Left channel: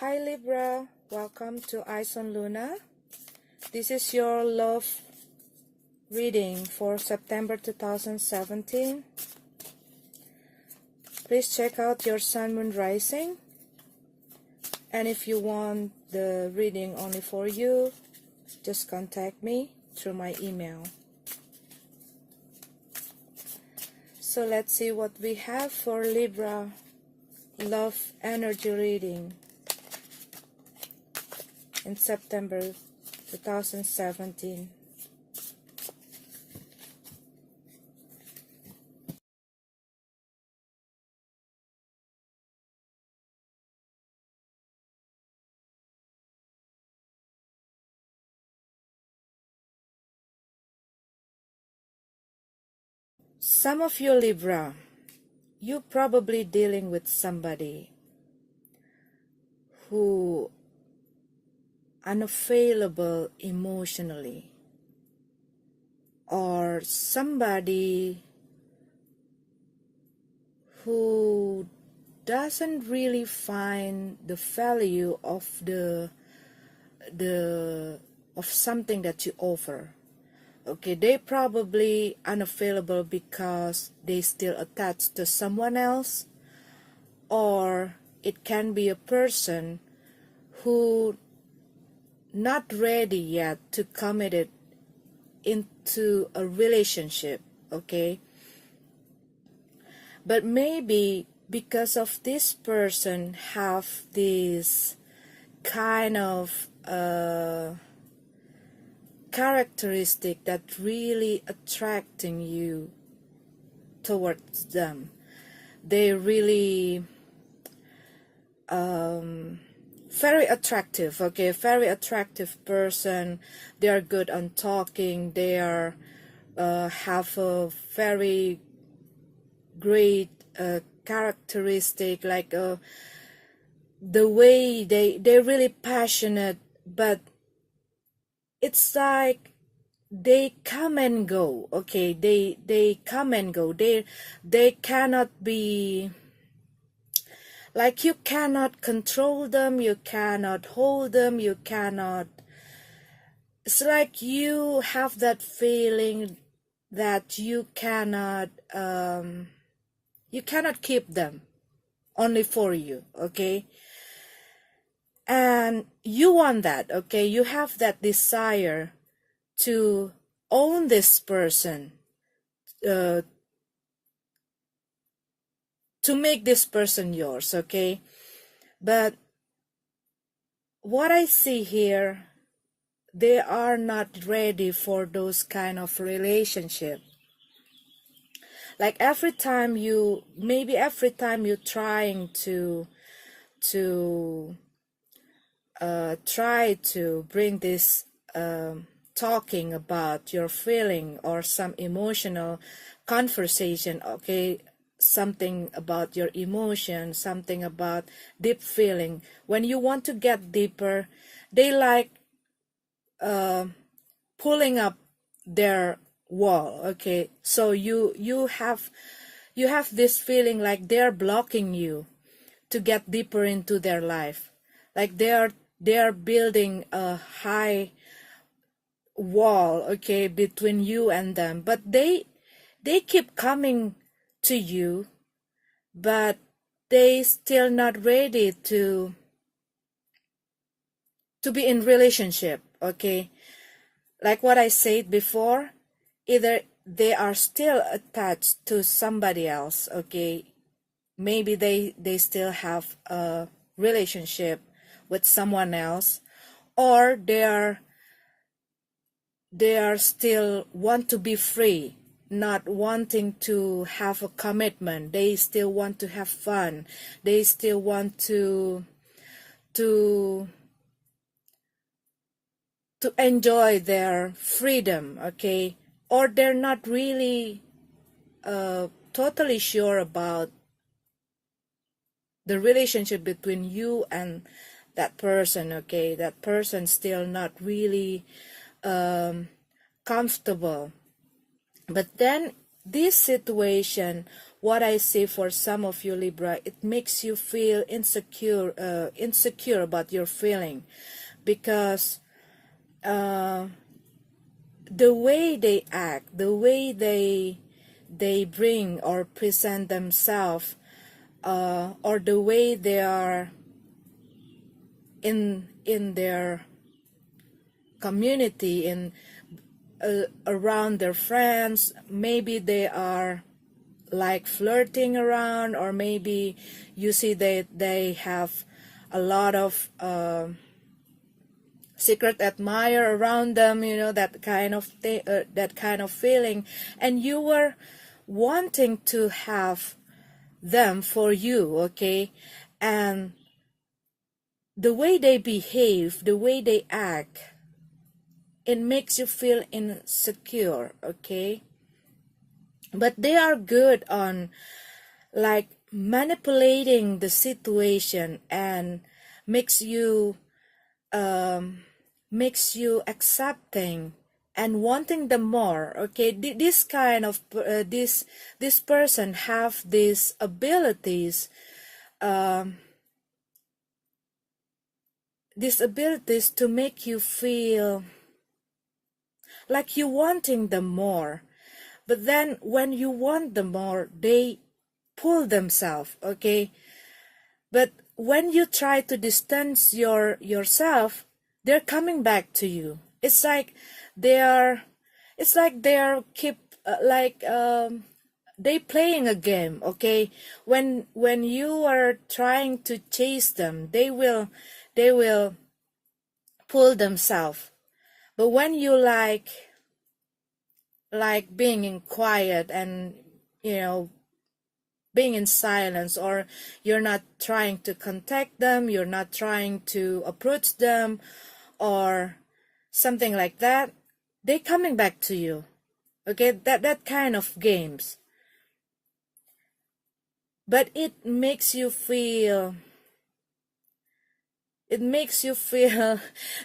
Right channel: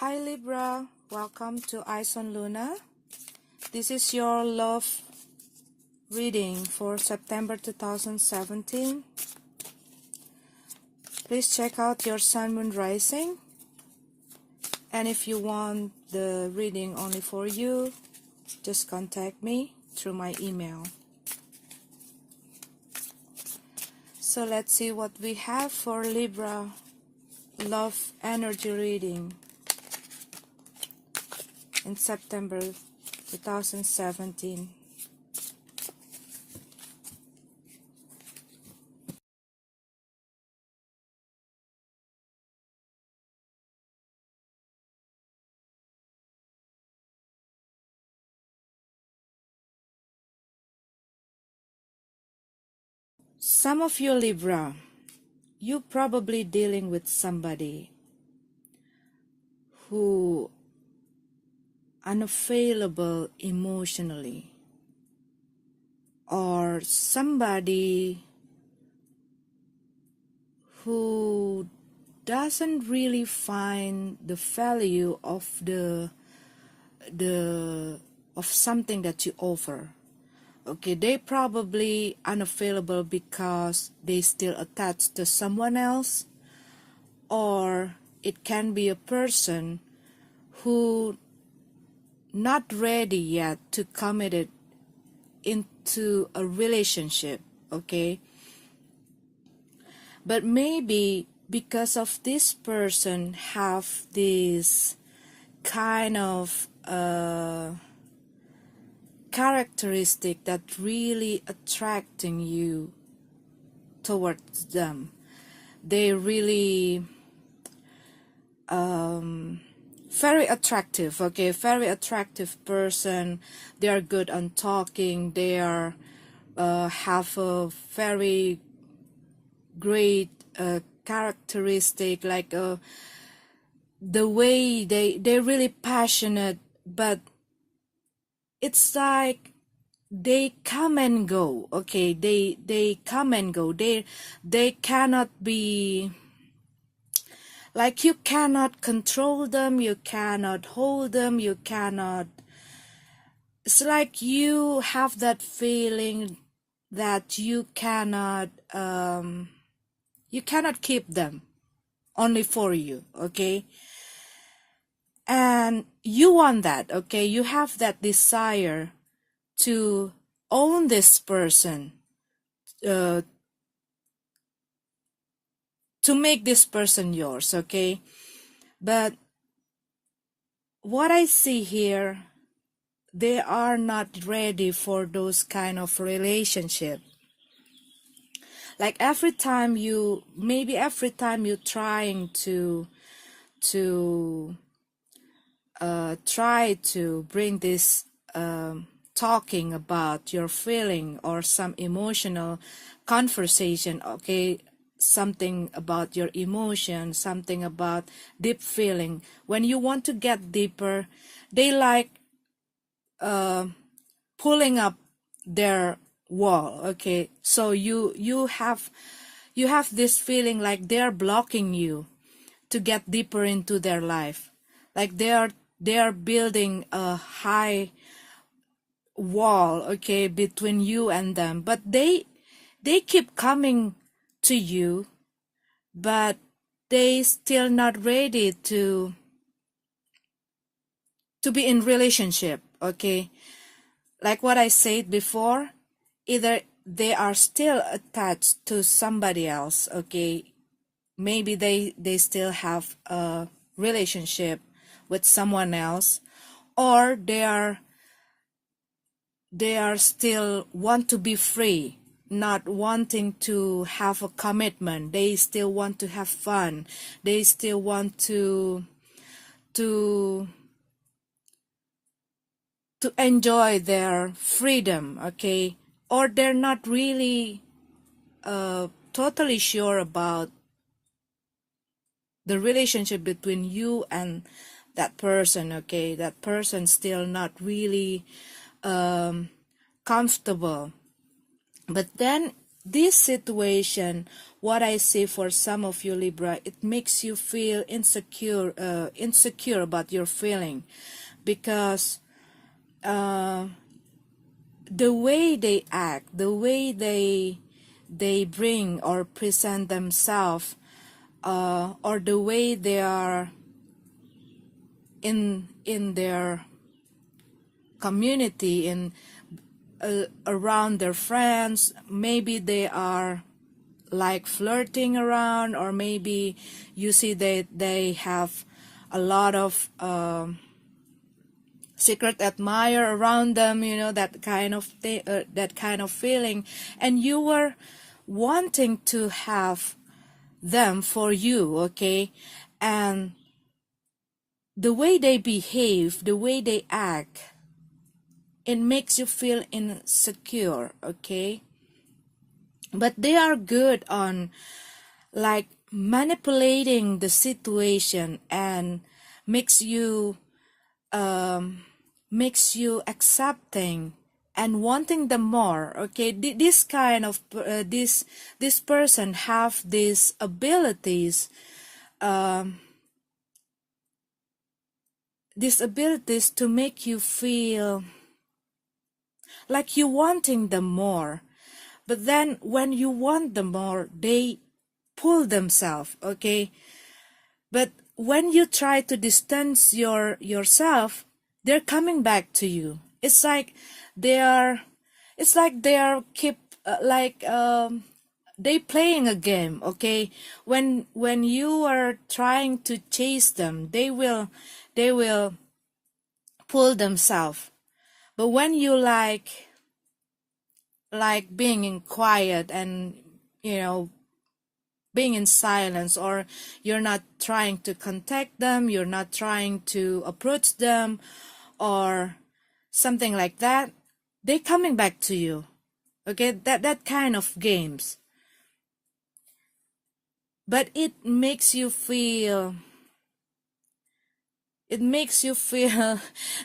Hi Libra, welcome to Eyes on Luna. This is your love reading for September 2017. Please check out your Sun, Moon, Rising. And if you want the reading only for you, just contact me through my email. So let's see what we have for Libra love energy reading in September 2017. Some of you Libra, you're probably dealing with somebody who unavailable emotionally, or somebody who doesn't really find the value of of something that you offer. Okay, they probably unavailable because they still attached to someone else, or it can be a person who not ready yet to commit it into a relationship. Okay, but maybe because of this person have this kind of characteristic that really attracting you towards them. They really very attractive. Okay, very attractive person. They are good on talking. They are have a very great characteristic, like the way they're really passionate, but it's like they come and go. Okay, they come and go. They cannot be, like, you cannot control them, you cannot hold them, you cannot, it's like you have that feeling that you cannot keep them only for you. Okay, and you want that. Okay, you have that desire to own this person, to make this person yours. Okay, but what I see here, they are not ready for those kind of relationship. Like every time you trying to try to bring this talking about your feeling or some emotional conversation. Okay, something about your emotion, something about deep feeling. When you want to get deeper, they like pulling up their wall. Okay, so you have this feeling like they're blocking you to get deeper into their life, like they are building a high wall, okay, between you and them. But they keep coming to you, but they still not ready to be in relationship. Okay, like what I said before, either they are still attached to somebody else. Okay, maybe they still have a relationship with someone else, or they are still want to be free, not wanting to have a commitment. They still want to have fun. They still want to enjoy their freedom. Okay, or they're not really totally sure about the relationship between you and that person. Okay, that person still not really comfortable. But then this situation what I see for some of you Libra, it makes you feel insecure about your feeling, because the way they act, the way they bring or present themselves, or the way they are in their community, in around their friends, maybe they are like flirting around, or maybe you see they have a lot of secret admirer around them, you know, that kind of that kind of feeling, and you were wanting to have them for you, okay? And the way they behave, the way they act, it makes you feel insecure, okay? But they are good on like manipulating the situation, and makes you accepting and wanting them more, okay? This kind of this person have these abilities, to make you feel like you wanting them more. But then when you want them more, they pull themselves, okay? But when you try to distance yourself, they're coming back to you. It's like they are keep they playing a game, okay? When you are trying to chase them, they will pull themselves. But when you like being in quiet, and you know, being in silence, or you're not trying to contact them, you're not trying to approach them or something like that, they coming back to you, okay? That kind of games. But it makes you feel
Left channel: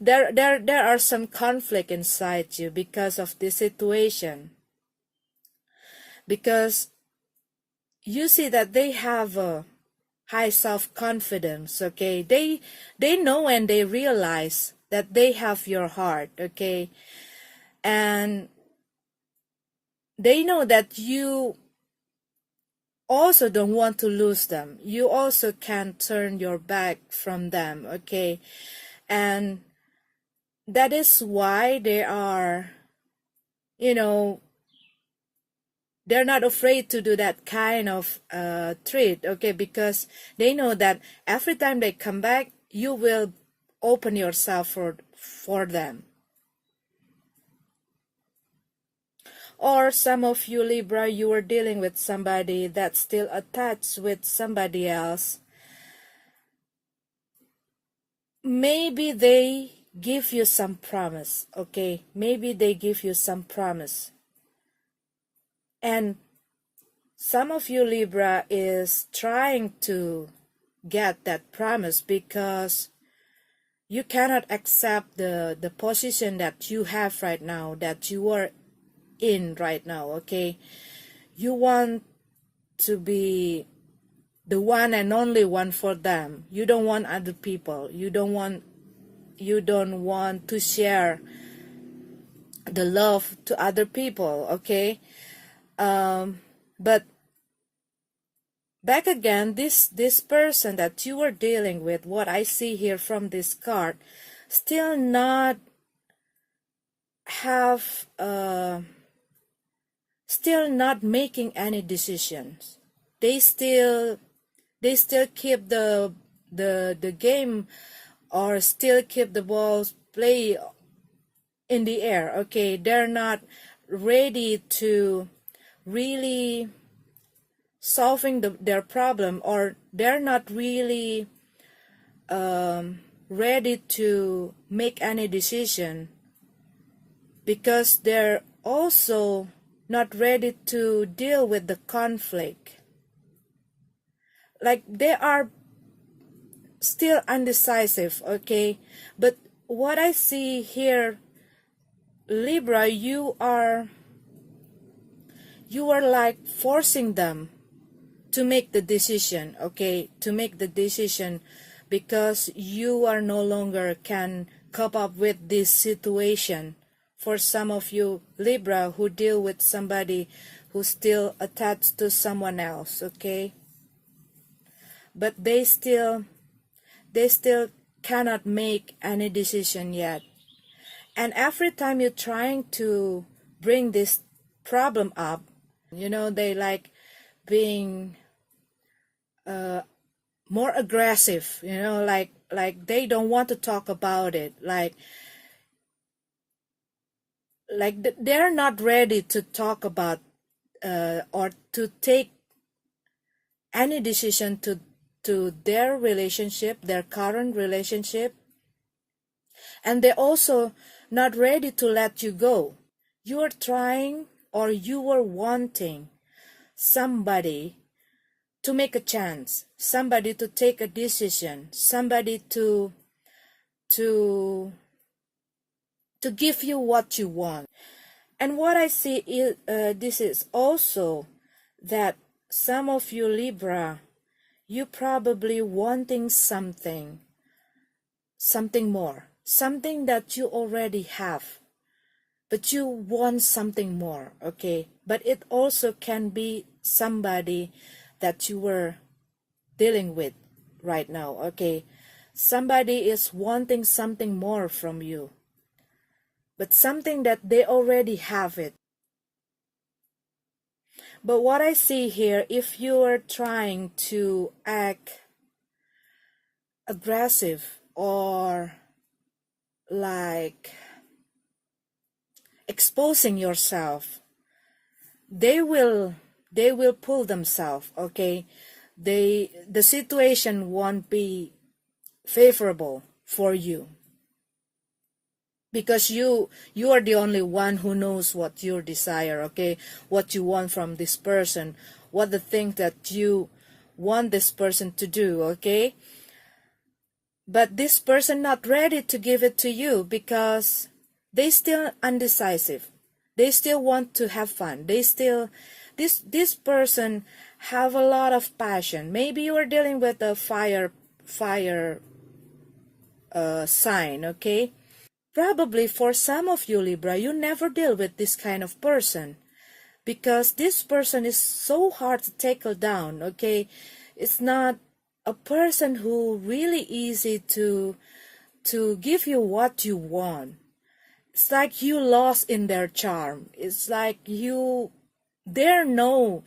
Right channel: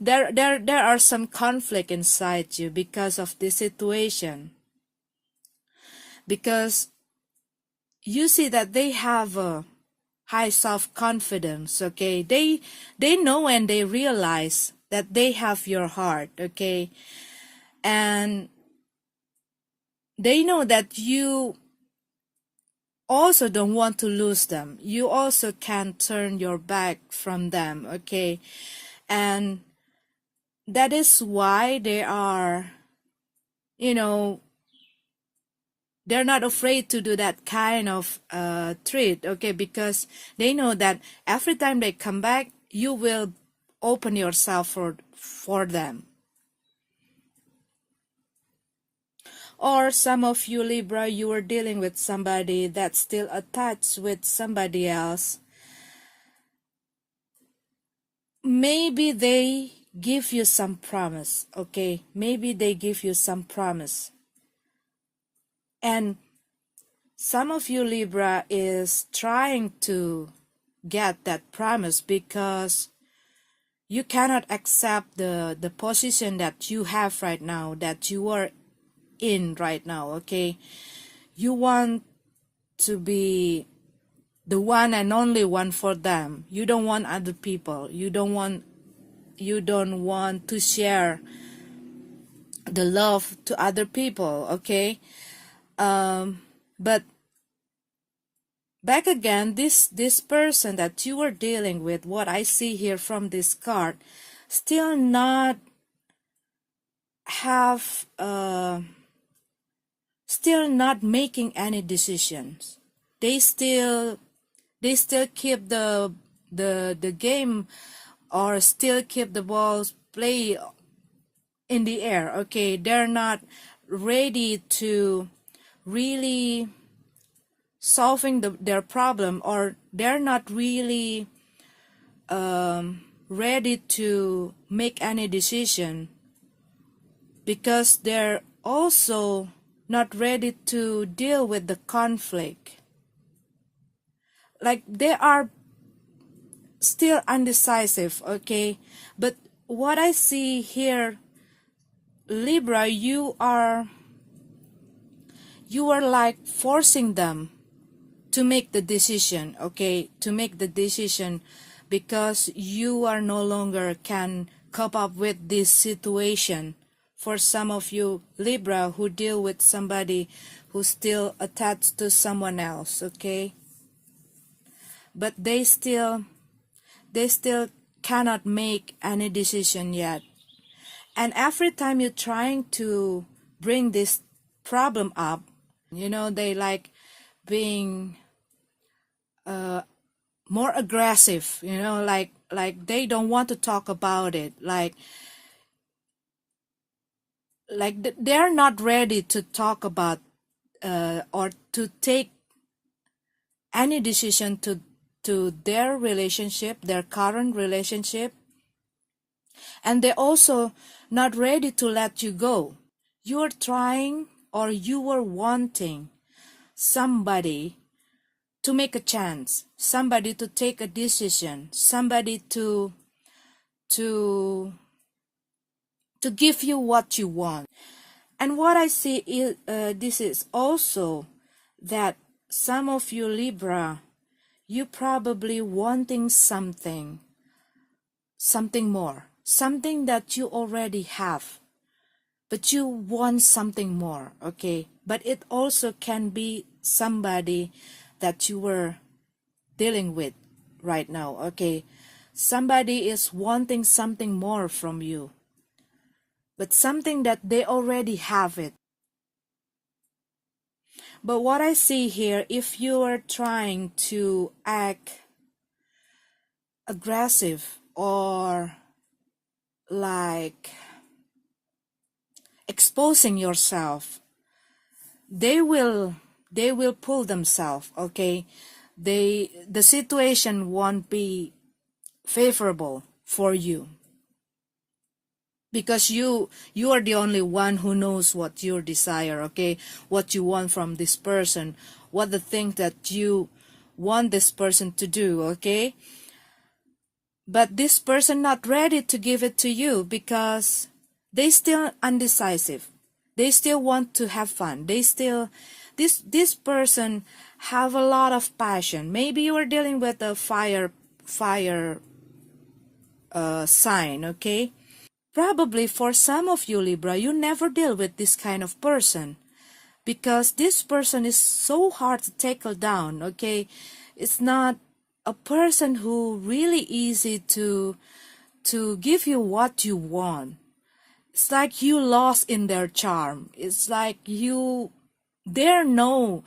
there are some conflict inside you because of this situation, because you see that they have a high self-confidence, okay? They know and they realize that they have your heart, okay? And they know that you also don't want to lose them. You also can't turn your back from them, okay? And that is why they are, you know, they're not afraid to do that kind of treat, okay? Because they know that every time they come back, you will open yourself for them. Or some of you Libra, you are dealing with somebody that's still attached with somebody else. Maybe they give you some promise, okay? Maybe they give you some promise. And some of you Libra is trying to get that promise because you cannot accept the position that you have right now, that you are in right now, okay? You want to be the one and only one for them. You don't want other people. You don't want to share the love to other people, okay? But back again, this person that you are dealing with, what I see here from this card, still not have still not making any decisions. They still keep the game, or still keep the balls play in the air, okay? They're not ready to really solving their problem, or they're not really ready to make any decision, because they're also not ready to deal with the conflict. Like they are still undecisive, okay? But what I see here, Libra, you are like forcing them to make the decision, okay, to make the decision, because you are no longer can cope up with this situation. For some of you Libra who deal with somebody who's still attached to someone else, okay, but they still cannot make any decision yet. And every time you're trying to bring this problem up, they like being more aggressive, like they don't want to talk about it, like they're not ready to talk about or to take any decision to their relationship, their current relationship. And they're also not ready to let you go. You're trying, or you were wanting somebody to make a chance, somebody to take a decision, somebody to give you what you want. And what I see is this is also that some of you Libra, you probably wanting something more, something that you already have, but you want something more, okay? But it also can be somebody that you were dealing with right now, okay? Somebody is wanting something more from you, but something that they already have it. But what I see here, if you are trying to act aggressive or like exposing yourself, they will pull themselves, okay? The situation won't be favorable for you, because you are the only one who knows what your desire, okay, what you want from this person, what the thing that you want this person to do, okay? But this person not ready to give it to you because they still undecisive, they still want to have fun, they still this person have a lot of passion. Maybe you are dealing with a fire sign, okay? Probably for some of you Libra, you never deal with this kind of person, because this person is so hard to tackle down, okay? It's not a person who really easy to give you what you want. It's like you lost in their charm. It's like they know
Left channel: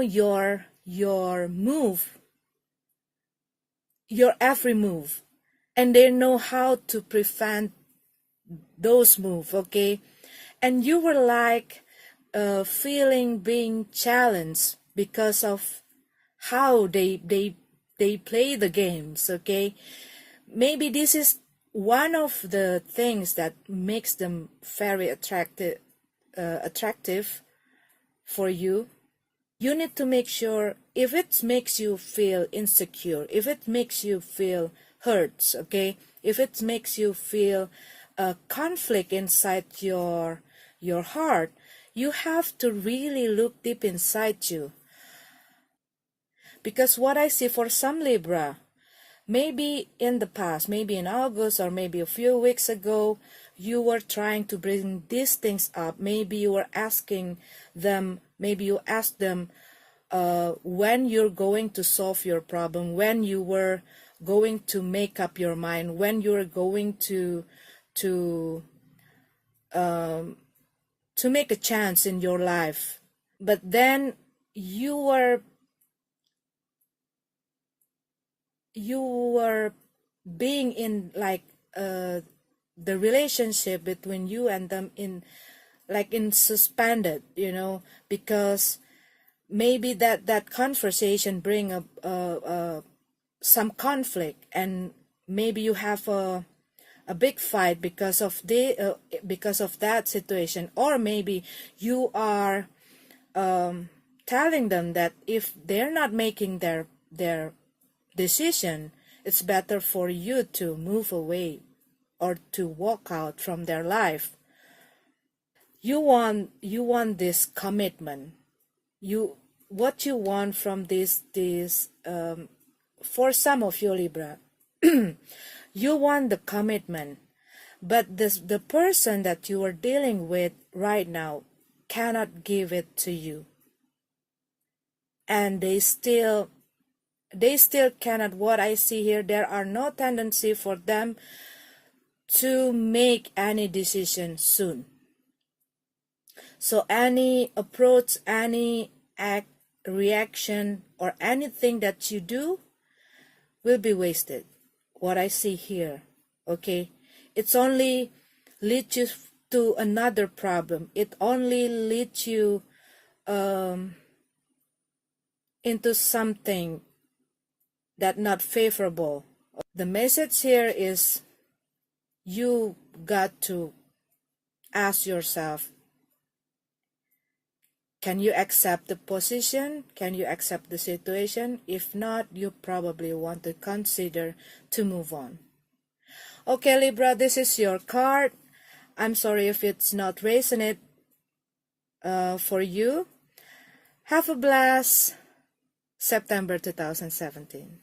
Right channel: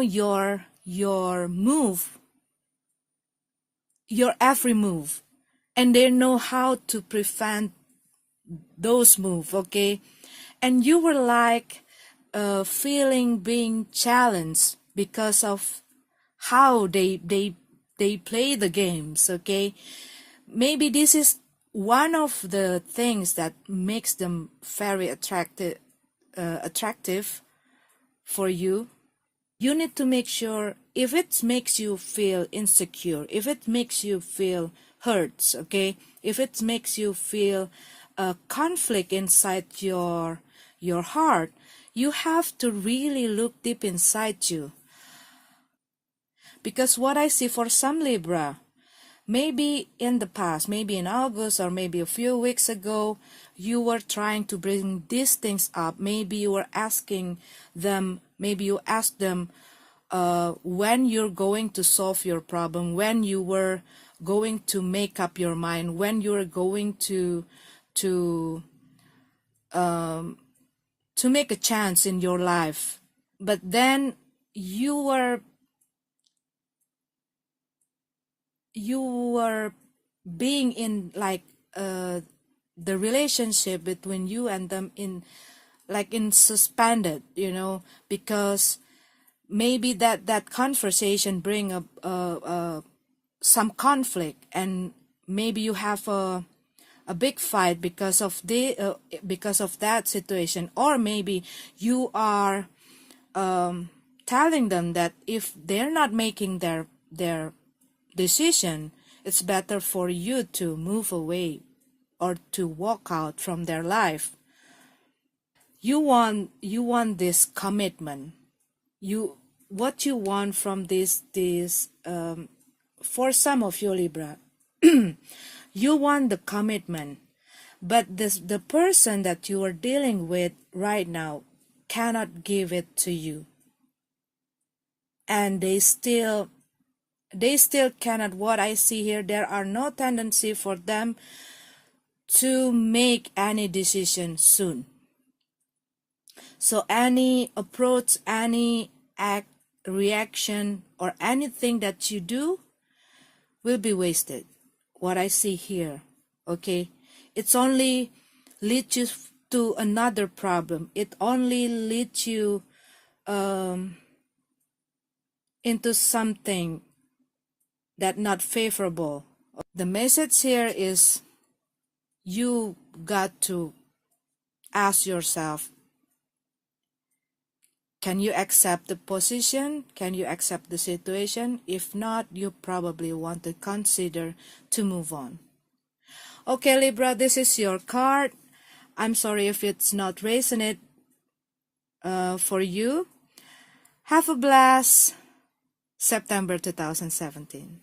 your move, your every move, and they know how to prevent those moves, okay? And you were like feeling being challenged because of how they play the games, okay? Maybe this is one of the things that makes them very attractive for you. You need to make sure, if it makes you feel insecure, if it makes you feel hurts, okay, if it makes you feel a conflict inside your heart, you have to really look deep inside you. Because what I see for some Libra, maybe in the past, maybe in August or maybe a few weeks ago, you were trying to bring these things up. Maybe you were asking them, maybe you asked them when you're going to solve your problem, when you were going to make up your mind, when you're going to make a chance in your life. But then you were being in like the relationship between you and them in suspended, because maybe that conversation bring up some conflict, and maybe you have a big fight because of that situation. Or maybe you are telling them that if they're not making their decision, it's better for you to move away or to walk out from their life. You want this commitment. You what you want from this for some of you, Libra, you want the commitment, but the person that you are dealing with right now cannot give it to you, and they still cannot. What I see here, there are no tendency for them to make any decision soon. So any approach, any act, reaction, or anything that you do will be wasted. What I see here, okay? It's only leads you to another problem. It only leads you into something that not favorable. The message here is you got to ask yourself, can you accept the position? Can you accept the situation? If not, you probably want to consider to move on. Okay, Libra, this is your card. I'm sorry if it's not resonant for you. Have a blast September 2017.